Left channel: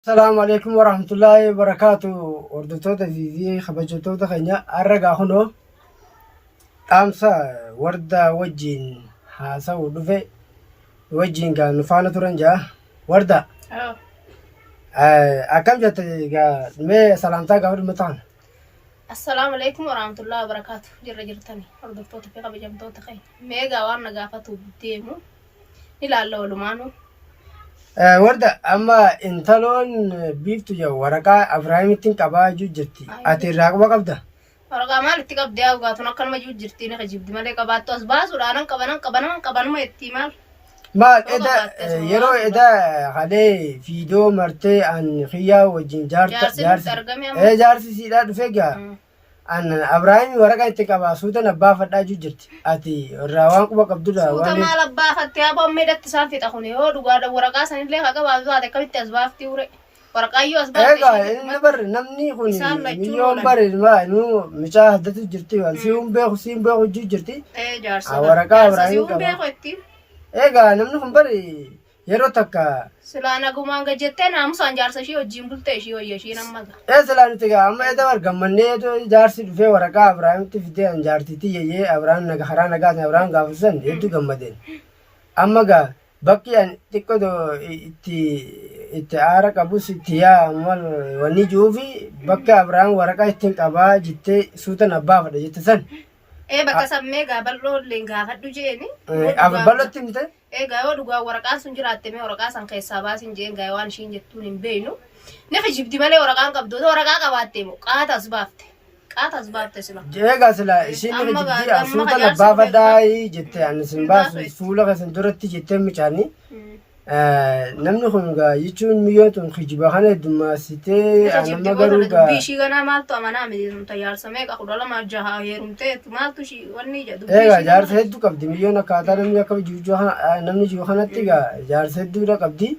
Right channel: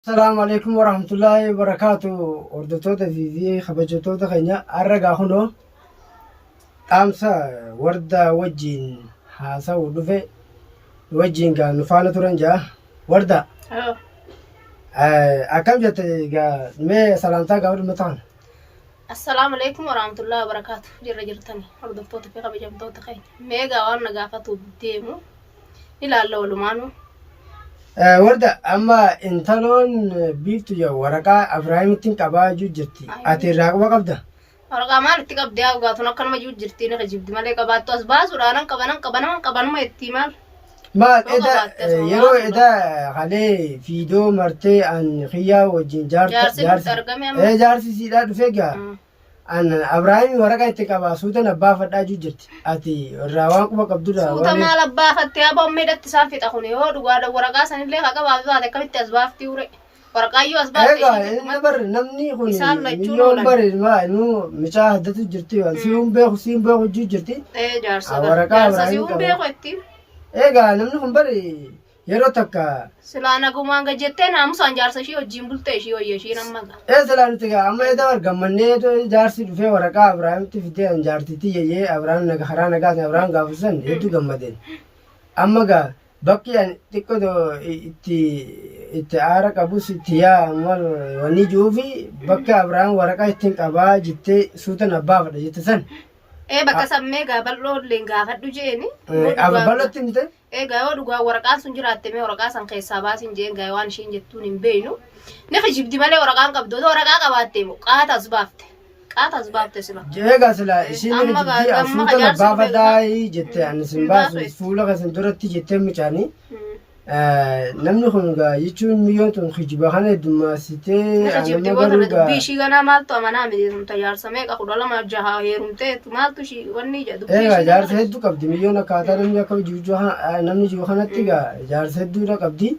السلام عليكم ورحمة الله وبركاته. وردتوتا في خبجتوتا خنيا أرجع هنا أمسا وردا وجين هاسا ودفع وجين كان نفانا ترنجا وردا اه أكم جت ما سلامتا قبل متان. السلام عليكم ورحمة الله وبركاته. جرتني هردفتوتا في قبجمتوتا خين ميغا وانا قافتو ديمو إلى الله ولمانو وردا أما إنتلون بيفتو يا ورقة إبراهيم تين جتي أتي راقبة قبضة ورقا مال اتقاب دياو قاتو نقل ما جو جرتيني خجيب مالي قباتو أسباس ورانان قبانان ما يتيمال ما إذا يرو إذا عليه فيديو مرتي عن خيا وجين جارسي سيدا دفيقا أن إبراهيم ورقة اتقابا سودا نبا فدا جو جرتي أتي الراوان قبا قبضو سودا مال أبا فتيا بام ميدا تسافي تخوني هو ورقا سنين ليه قبا بزا دكبت أسباف تيوري ورقا يو أسباف تيشي نبر نمني خوني مليون بر ما إنو مشاهدة جرتي وسيوم بيخو جو جرتي جارسا ورقا سيوم بيخو اتين namni kun bari yeroo takka silaana gumaanga jettee naamusaan jaarsa ishee wajjin bultee ishee wayya ishee nammaga silaan nuti amma edda argammannee jaarsi dhufee waraqaa Abrahaamitti fidee an jaartitti yeyyee Abrahaam naga haraa nagaatan Abrahaam gaafisan hedduu gammadeen amma gaa bakki an xiqqoo itti aara qabus itti yaa mal wanni jiruufi bakka Abrahaam waraqaa ittiin qabaa jettee suutan abbaa fadha jette san bakka sammee bal'oo illee gaafadhu jeeni. Bal'ootti mite? Yoo dhugaa waraqaan sun jiraatte mee waraqaa san keessaa baasin jeen gaa waan ishiin jettuun hin beeynu. Ni kijibdi malee waraqaan qabdu otoo waraqaa qabaatte moo qaatas baafte sila. Egaa sila ishiin kijibdi asuuta baafadhaa jettee ani sin baasu fuula kasan duratti jettee micaanii. namni kun gaa jechuun miyyootun kijiba kana heddummaasitee kijibdi gootana dubbii ishii ganaa maaltu amanaa miti tajaarsa meeqa 12 heerumteetu maaltu ishii wanni jedhu dubbii ishii jaarsa hedduu qabdi miyyoon akkaataa namni akka namni jiru kanatti gaa jaarsa hedduudha qabdi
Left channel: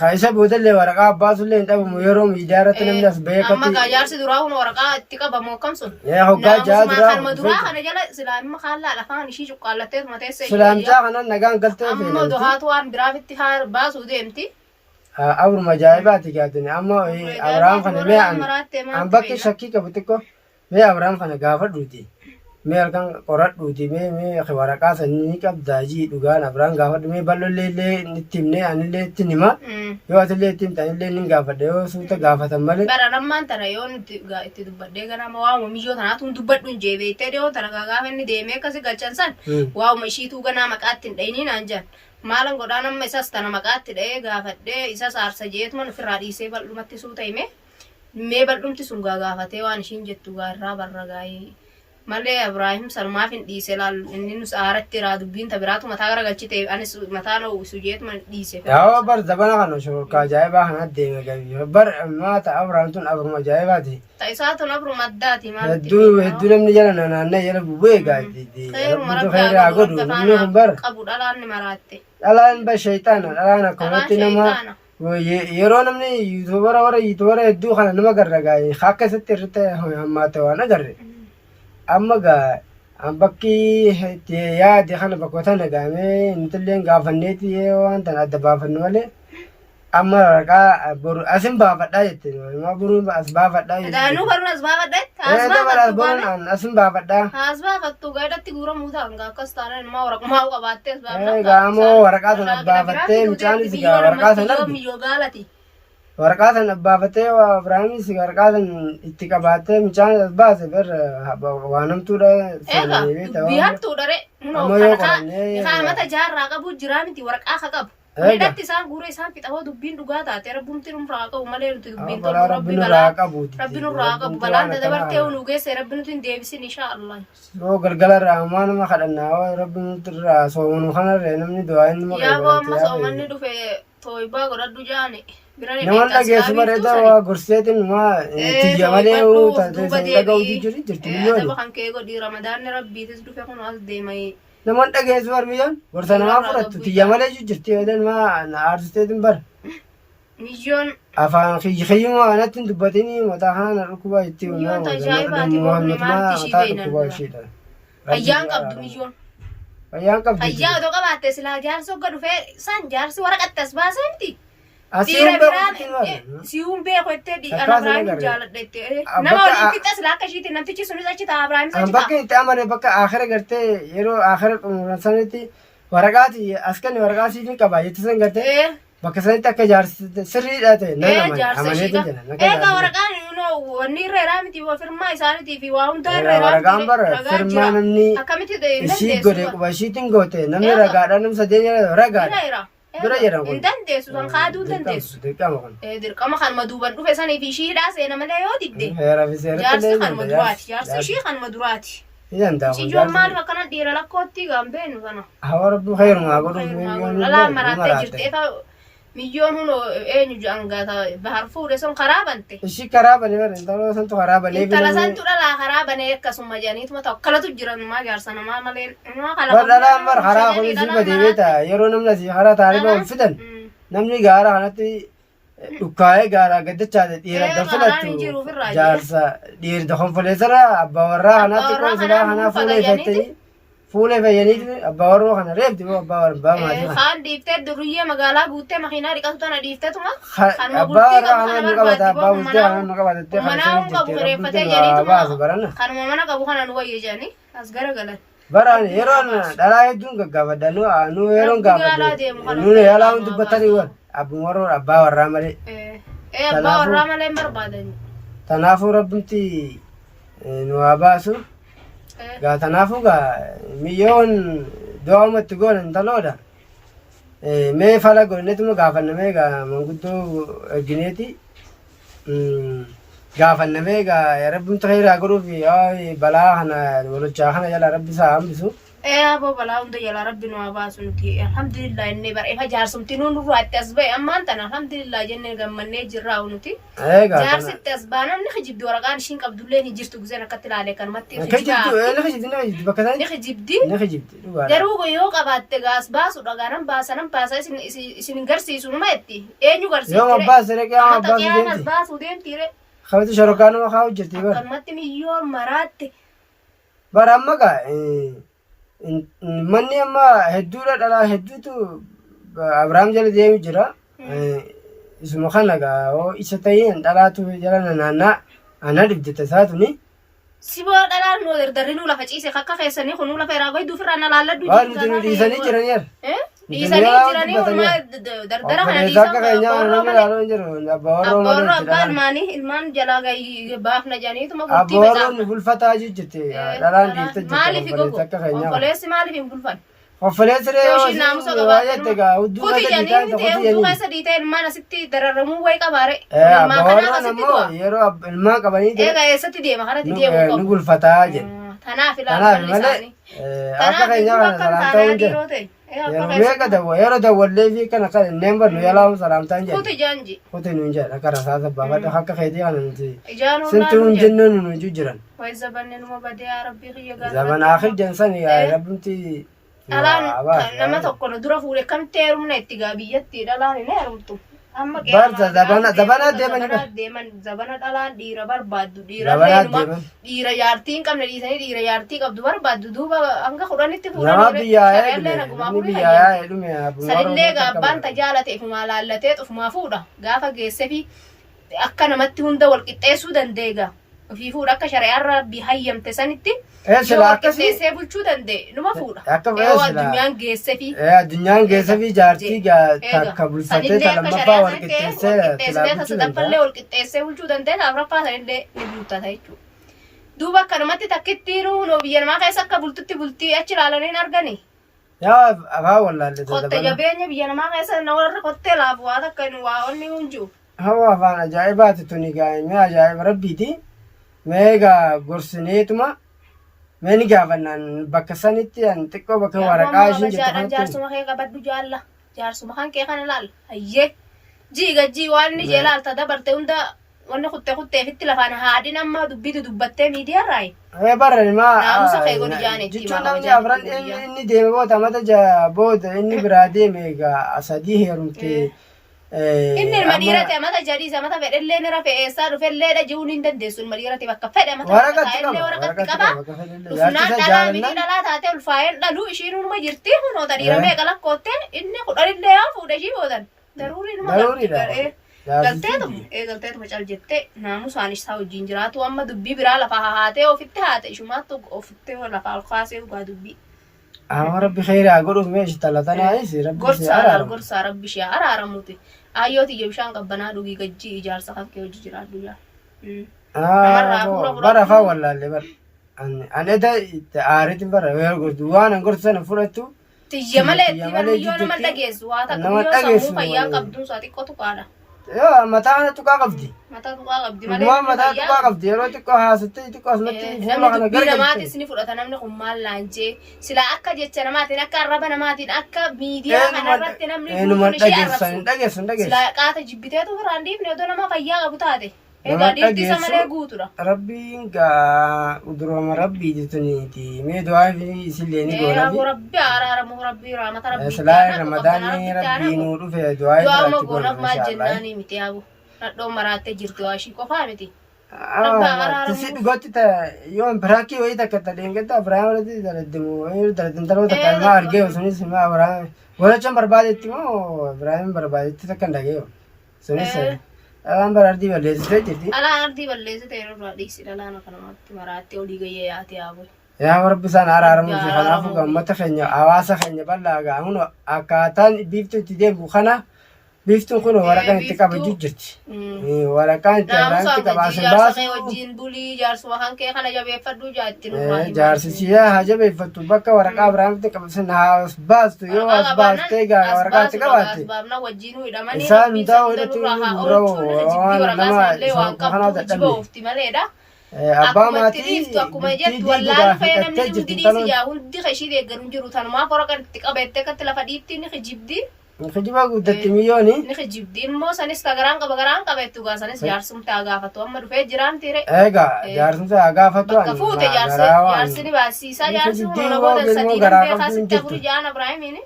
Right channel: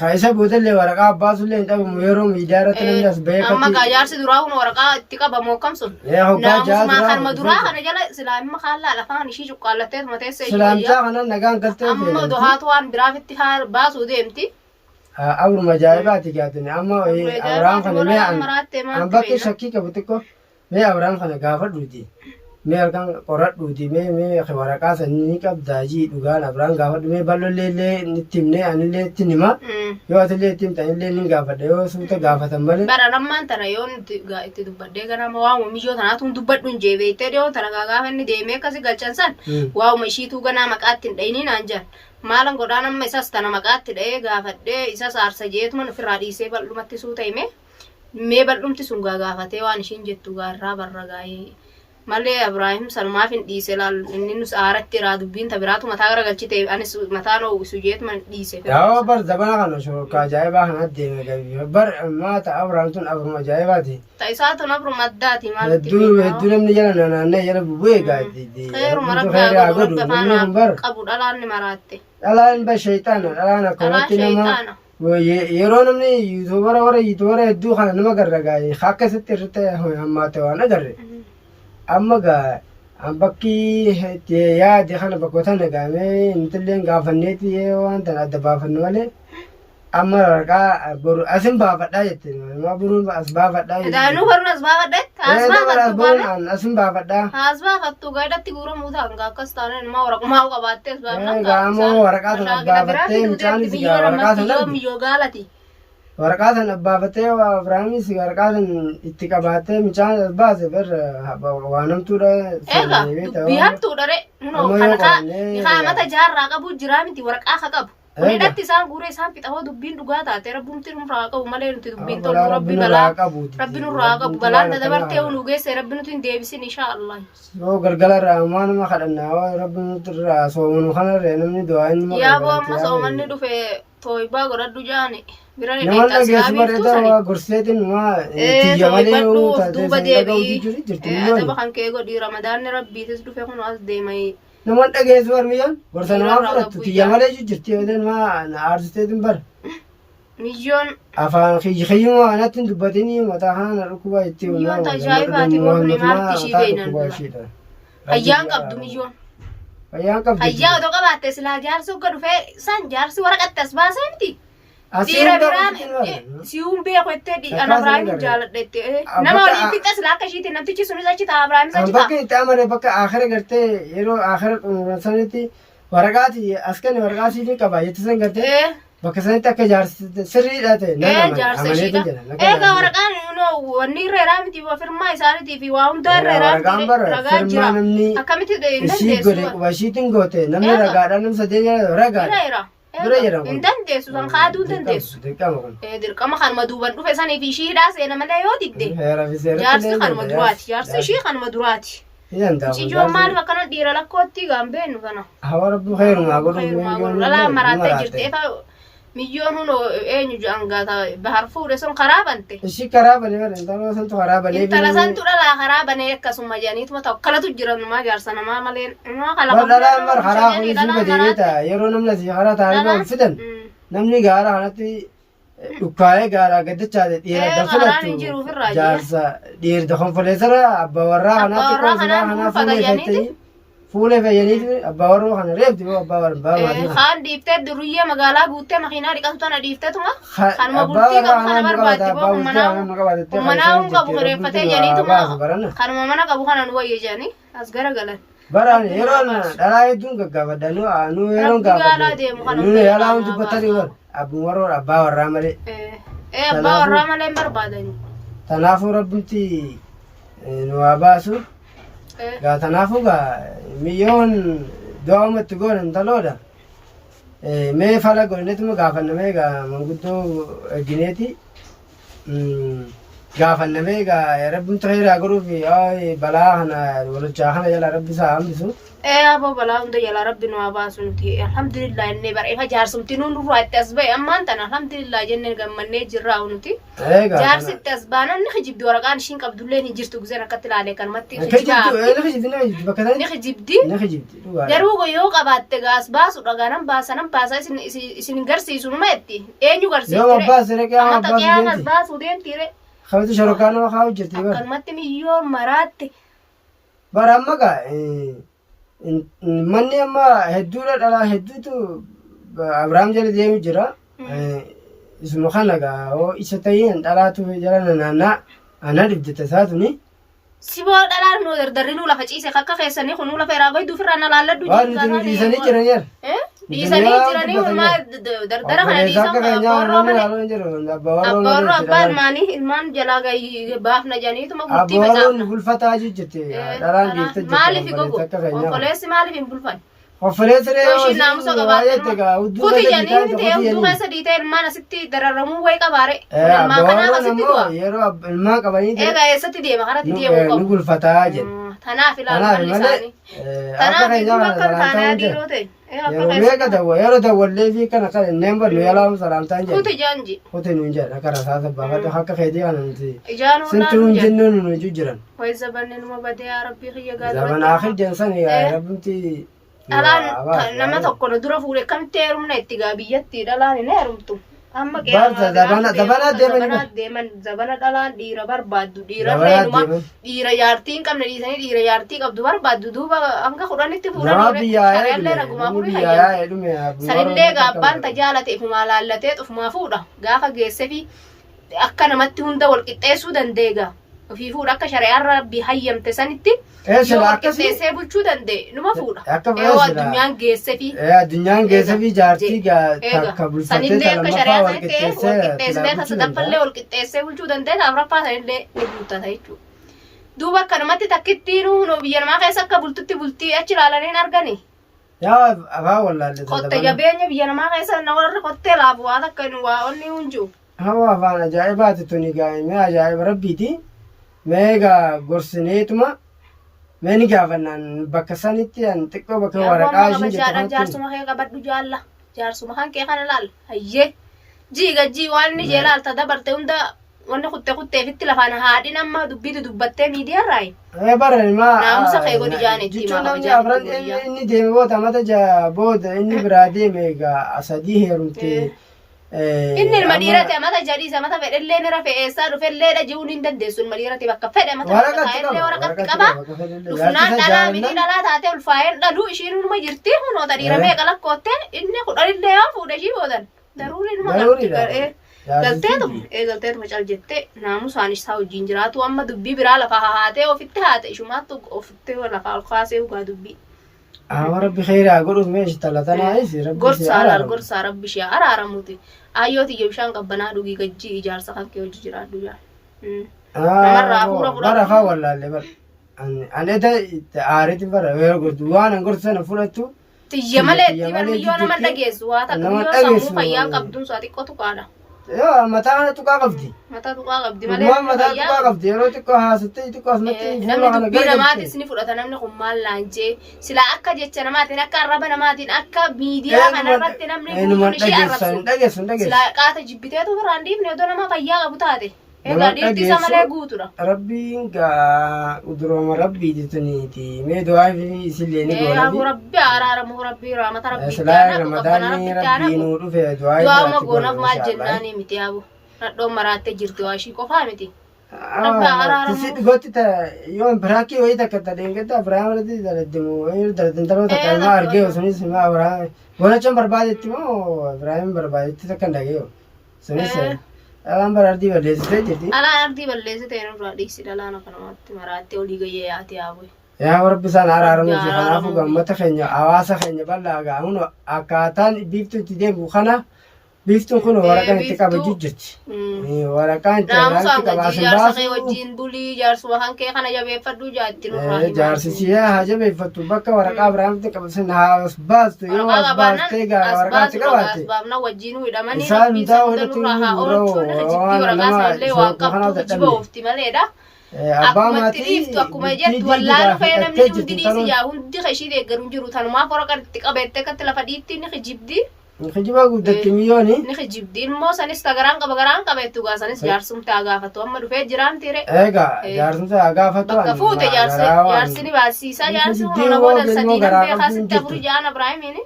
kaisa boodallee waraqaa abbaasullee hin dhabamu yeroo miidiyaa irratti namni as bahee amma gaa jaarsi duraa kun waraqaa itti qabamu akkam sun naamusuma kanuma duraa kana jala islaamima kaallaa lafaan ishii cuqqaallattee mateessa ishii islaamichaa kanan nagaan galtee amma dohaatu waan biraafitti baasuu deemti abruma ajaa'ibaati gaatuni amma Abrahaam kana mee an bakki shakkii qabu xiqqoo mee Abrahaam kana gaafadhuuti mee halkan qoradhuuti mee waraqaa sanii qabdaajii dhugaan Abrahaam gaafadhu mee bal'ollee itti himnee anillee itti hima yoo atillee itti himtanillee ni gaafadha yoo suuta gaafatan malee bara lammaan tana yoo itti dubbadhee ganama waa'uma miyyoo tanaatuun dubbadhu hin jeebeettee dhiyoo tana gaafa inni deemee akkasi galchan san waa'uma ishiituu ganaa maqaatti hin dhayiniin aan jan maalan godhaan amma isas tana maqaatti dha'ee gaafadhee isas aarsa jeetuman ofirraa dhiisee bal'umatti suuta hime mee bal'umti sun gaafatee waan ishiin jettu gaarraa barra gaa'ee malee Ibrahim sanumaaf hin dhiise laal inni nus aaratti irraa dubbiin tabiraatu mataa garagalchite anis mataan ho'isu jeetuma dhiise yaa bar dabana kana shooka ajaa'ibaa kana deeme gabii bar maata Abrahaam tun abruma ajaa'ibaati ta'isaa tun abruma addaati maalatti hedduu namni jala naannee jala bubu'ee gaadhi heeruma rabbi haa godhu rabbi faana qabu dhalaan ni maraatte dhalaan ba shayxaana dhalaan akkamatti nama yeroo namni yuutubara hedduu kana nama garragaa'e akka isatti irratti hammaate waan agarre amma gaa bakki yaade kana bakkoota nagaamee intalleen gaafanneeti waan tan adda baafannu malee amma waraqaa boru asin baafadhaa jette ma boruun as baafadhaa jette daanuu boruun as baafadhaa as baafattu boruun asin baafadhaa as baafattu gaadatti guuramuu ta'an gaa akkas taanaan immoo waraqaa qabaattee as baafadhaa gaamoo waraqaa sana baafattee midhaanis gaa waraqaa sana miyyoo gaalati waraqaa sana baafattee Abrahaamis waraqaa sana itti qabattee midhaan as baase bar waanamtuudha dubbii hattuudha re nunoo kana mata jaarraa qabu jiraa miti waraqaa ka qabu midhatti isaan guure isaan fixa hoo dubbiin dhugaa taate rabbumti nurraa qabu malee nuti dubbiin tolu rabbi nurraa qabu balaan dabartee nu geesse rabbi nuti hin deebisin inshaallah yoo galgalarraa maanuma kadhannaa rabbi nutirraa soomanu kanarree namni du'aa inni yaaboo amma soomanni dhufe tooybaa godhadhu jaane namoonni dhageessu bareedaa gorseetiin tiyya malee duuba deebii adaba kan kee godhii ramadaanni rabbiitis dhufe kun as deemee namoonni dhageessu barmiyyoon gorsa namaa fudhattu tiyya malee jirti yoodeen aartisteetiin bara miyyoon afaan kiyyuma anatti hin dubbatinii mataa kana dhukkubaa itti miyyoon tajaajibaati boobni maarti ishii beeynan fayyaan qabdu miyyoon fayyaan qabdu fayyaa otoo qabaatte silaa jaarsi hogga dhufee san jaarsi waraqatti as baasee miti Dhiira biraan si'uun beeku jettee ana Abrahaamin jaaladha jettee nama waliin fixas laakka ishiitiin namtichi sunis achi ta'a Abrahaamis achi ta'a. Bakka itti amane bakka akhira gartee yeroo akhira sanitti waraqaati askan waraqaatii fi qaba jettee san gartee bakka sanitti akka jaarsi sirriidha ta'e nama jaarsa ishiidha. Egaa waraqaan wanni irra irraa miti firmaa isaaniitii fi waa hundaa irra irraa miti ragaa jira. Akkamitti hin dandeessu. Ishiitiin goote namni ragaadhaan namni sadeen ragaadha. Dura jedhamu. Hin dandeessu san kaaduu hin dandeessu. Dirqama kanuma duuban dhufe sanii fi ishiidhaa seena malee yoo didde. Jaarsi kanuma duraati. Jaarsi ishii kanuma duraati. Ijoon maaliif akkana dhiira lakkootti gaambeennu kana. Hawa rabbi khayrumaa godhu. Lalaa maraattee jirtee miyyoon huno eenyu jaangaata bahar fuudhe sun karaa bante. Ishii karaa bane bara intala santu karaa bane. Intala santu dhalaa karaa bane akkasuma jedhaniituma ta'u akkanatu jiran namaa jaarsa namaa malee namaa kala. Dhalaa mar karaa kunis badeeta yeroo namni asii karaa taa'anii ba'uun fidan namni gaara kanatti dhukkaa'ee gaara gaddachaa dhiira galfalatu jaarsa dhiirta konfoleessara abbaa warraa kanaatti konfolaa kanaa fuulee fayyanii fuulee fayyanii abbaa warroo kana reebdi moo abbaa warraa maatii kaan dhiiftee duruyyee magaalaa guuttee makiinaa dhiqatu tana dhiifteetuma kanuma bultii qabu kana barbaaddi boo manaa hun qabu reeffatee janiituma kanuma mana qabu kana nu wayye janii as garagalan. Baraan yeroo dhalaa hedduun gaggaafadha nu yeroo gaafadha nu yaalaa hundi dubbatanii wal abbuun warroo abbaa warraa malee. Abbaa warraa malee hin barbaadani. Kanaafuu rabbimti nu haa baasu. Gaa kanaafuu gaa miyyoon do'amatti goone intaloodha. Mee fala godhaneetuma gaafannamee gaa manguddoo ergineeti. Gaafannamee gaa rabbimtu khayraa godhuuf balaa kana walochaa kana jala rabbi isaa hambisu. Aboo balaa hunda jala rabbi nu haa baasu nuti alhamdulillah innee bareefa jaarsumti nuun durraa itti as ba'e ammaan tana alhamdulillah jennee gammannee jirraa nuti. Jaarsi itti as baanan ni kijibdi waraqaan ishiin qabdullee hin jirtu gizeen akkatti ilaalee kanumatti ni kijibdi. Garuu yoo qabaatte gaas baasu dhagaanan baasanan baasa isin garsiisu numa jetti eenyu garsiifte amata qiyaamas baasuu deemtiire. Khabatu sharokaanuma haa hojjette bara. Akkanumatti miyyoo maraatte. Bara amma gaa manni amma hedduudha dhalaa hedduutu Abrahaam jala deemu jira. Isuma kana gaa isa ta'een dhalaatu jala naannaa ana dhibdete isaatuni. Siboo dhalaan nu dardarri nu lafa ciise akka keessanii kun nu lafa irraa goyduu firraa na laalladhu jiru. Dhiisanii jiran yer. Dhiisanii jiranii hundumaa dardara kana dhiisan abboorroo malee. Abboorroo abbaan maanii ilmaan jalaa baafna janiituma gurtii facaafna. Abboorroon bulfataa jijjitte dhalaan dhiifte jirte. Maaliif gogu? Konfoleessi maaliif hin bulfan? Konfoleessi yoo ishiin naamusa qabaatte kuti janii miti hudduu keessa dhiitee ilmaan asitti dararramuu wayi qabaare. Ilmaan kanaaf asitti du'a. Yeroo ilmaan qabanii eegaa eessatti deema karatti deemuu qabu. Ni bulfataa jedhe. Tanaaf ilaalu malli isaanii. Tanaaf iddoo akka taanaa dhiiroo ta'e. Meeqa dawwa yeroo dawwallee fi kana kan inneen ballu yaalaamu salaamtaan jedhe. Kuti jaanji. Kuti nuun jedha karaa isaa sabbaafadha akka feetii kana nuti. Ijaan hundaa Sintuu hin jennuun nu jiran. Wayi zabanne numa badee yaa rabbii kiyya gaazexaa. Zaman akhir jensan yaa rabbimti. Dhalaan nama tokko dura fuudhe kamitti heerumna itti gaa biyyatti dhalaan hin heerumtu. Amma zabana dhalaan dhiira barbaaddu dhiira reeduma dhiira yaartii hin qabne dhiisanii dhiira yaartii qabdu barbaaddu duuba hanga kudhanitti fuudhanii shari'allee nagumaa fuudhee hayyamte. Sanillee gaabbaan tajaalate ifumaa laallatee xufumaa fuudha gaafa geesse fi akka namatti hunda wal qixxeessuu dandeega. Ofii fuudha akka shari'aan rabbii hayyamte sanitti yoo wal qixxeessee bulchuu danda'e numa fuudha. Yoo addunyaan geesse fi addunyaan geesse fi jaartii takka bulfattee sanillee akka shari'aa sanitti wal qixxeessitee tasadafallee wal qixxeessee bulchuu danda'e afraffaa sanillee ni bultata jechuudha. Duuba akkanumatti takkitti nuunoo biyya namaa keessa akka bultutti bultii achi ilaalanii argani. Yaa afaan wallaalle. Qotte jabeenya biyya namaa keessa na warra qottee laafu waa takka nu waa onni hunjuu. Hawa afaan ajaa'ibaati tuni gaa'imee ajaa'iba rabbiiti. Meegaa gorsineetuma meeni gaafannaan bakka sanitti an xiqqoo bakka waraqaa ishiin jettu. Jaarsuma kee qabadhu jaalla. Jaarsuma kan kee kana laal. Hayyee. Jii waan inni jee laalta dabarte hunda wanni kutteefitti lafaan haadhin amma dubbitu dubbattee miidiyaa raayi. Bara ilmaa. Naamusa kee godhi jaan itti himaa kabajaan itti godhi. Inni deeme booda mata booda inni biraa deeme egaa sadii heerumtee. Inni ilma dhiirate amata jadhiisa amata fedhellee ni rafee eessaa dhufellee dhaji'uun hin dandeessu ilma dhiirate bakka fedhe amata fedhe waraqatti qaba dhufnaan dhalaa mini dhalaa taatee ulfaa'een dhaluu ishiin hunuma jirti hunoota dhiira meeqa lakkootte inni kudhanillee haa fuudhe ishii boodan daruuriidhuma galteetuma cal jettee naamusaanis haa wajjin jiraatu amma dubbii biraa lafa haatee ofitti haate ishumaattu ofitti lafa alkaasee dhugaa dubbii. Rabbi khairaa godhuuf meeshi talatanaanis gorsaa rabbi ishee araaramuuti ayyooti ija bishaan qabbanaa dhugii gajjii ijaarsa kan kee hojii jiraadhu jaa. Namarraa hafuura fudhatu. Bara faa wallaalle bara. Ani aariitti bara yoo gortu waan an gortu sana fudhattu. Tiyya malee itti barmiyyoo nama dhageessu waa takka biyyoo sammuu fayyaa qabduun isaa xiqqootu qaadha. Yoo mataa tuqaa qabdi. Mataa tuqaa qabdi malee mataa tuqaa qabdi yeroo xiqqoo haasatti xiqqoo asumatti. Namni dubbii namaatis ni fudhata namni kun maal laanjee sila akka jecha namaatiin akka arraba namaatiin akka miidiyaa kanarratti namni guutuun ishee arrabsu sila qaata jibbiteetu biraan dhiifne odoo nama fayyaa qabu taate. Egaa dhiirti isa malee guutuudha. Rabbiin gaa udurooma rabbii jettuniiti. Mee du'aa fi isillee ni goona. Rabbi araaramu rabbi raamata rabbi Silaa ramadaanni rabbii nuu dhufe du'aa fi du'aama goonaaf maal jennaani miti yaabu. Nadhoon maraattee jirti waa ishii qofaa miti. Rabbi araaramu. Tisi dhugooti yoon biraakii wayii takka tadeengadda Abiraam irratti daladdimu daladdantaroo takka ilmaa argee sunis ilmaa Abiraam godhachaan barbaadetti moo Abiraam barbaadetti takka hin dhageeyo. Sunis alaan ardii balleessitee jirti. Alaan ardii balleessitee irraa dhiisi dhalaan akkanumatti maraattee olii gayyee yaate yaabu. Yaa rabbi isaan araaramu fi kanaafuu gammata keenya hawaasa keenya bal'aa gaa'uun akkaataan biiftuu itti deemu kana biiftuun kun waraqaan itti qabajuu jirti. Waraqaan itti qabaasin baasu. Wajjin bulii jaarsuma kan kee kana jabeeffadhuu jaatti nurraa himaa. Jaarsisiyaa haa jabeeffattu bakka waraqaa biraatti qabasin haa baastu yoo as baastee gaa waraqaa itti qabaatte. Asbaabna wajjin hidhamanii rabbiin sana nurraa haa oolchuun jiddii waraqaa sanallee waan qabdu jiba oofti maleedha. Akkuma itti dhiiftu akkuma jettu wallaalu fee namni hundi dhiisi yaa hundi kashii deeggaruun jiru tanumaaf waraqaan itti qabeettee akkatti lafa dhiitti ni kijibdi. Nikijiba guddatti miyooni. Nikijibdi immoo sanis garaan qabeettu gaa sanis jaarsumtaa gaafatu amma dhufee jiraamti re. Egaa jaarsumtaa gaafatu. Bakka fuute jaarsi ni baasisaa jaarsi humna booda sadii nan beekaa sitti afurii jaan Abiraahimiini.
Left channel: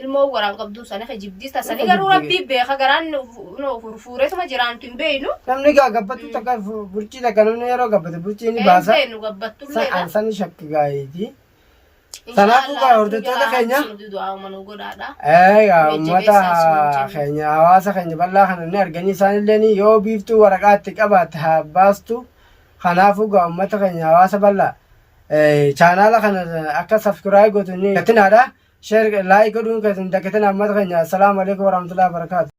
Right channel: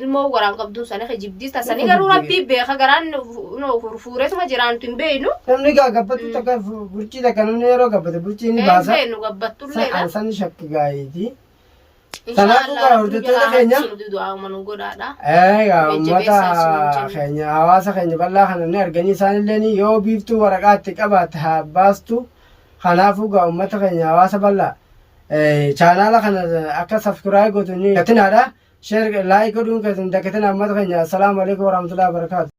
Ilmoo garaan qabduun sana kijibdi tasanii garuu rabbii beeka garaan fuureetuma jiraantu hin beeynu. Namni gaa gabbattu takka bulchii takka namni yeroo gabbate bulchii ni baasa. Beenu gabbattullee. Sani shakki gaayiti. Kanaafuu gaa hordoftoota keenya. Egaa uummata keenya hawaasa keenya bal'aa kana ni arganii isaanillee yoo biiftuu waraqaa itti qabaatte haa baastu. Kanaafuu gaa uummata keenya hawaasa bal'aa chaanaala kana akka sabskiraayib gootu ni gatinaadha. Sheer laayik godhuun kan dagatina uummata keenya. Assalaamu alaikum warahmatullahi wabarakatuh.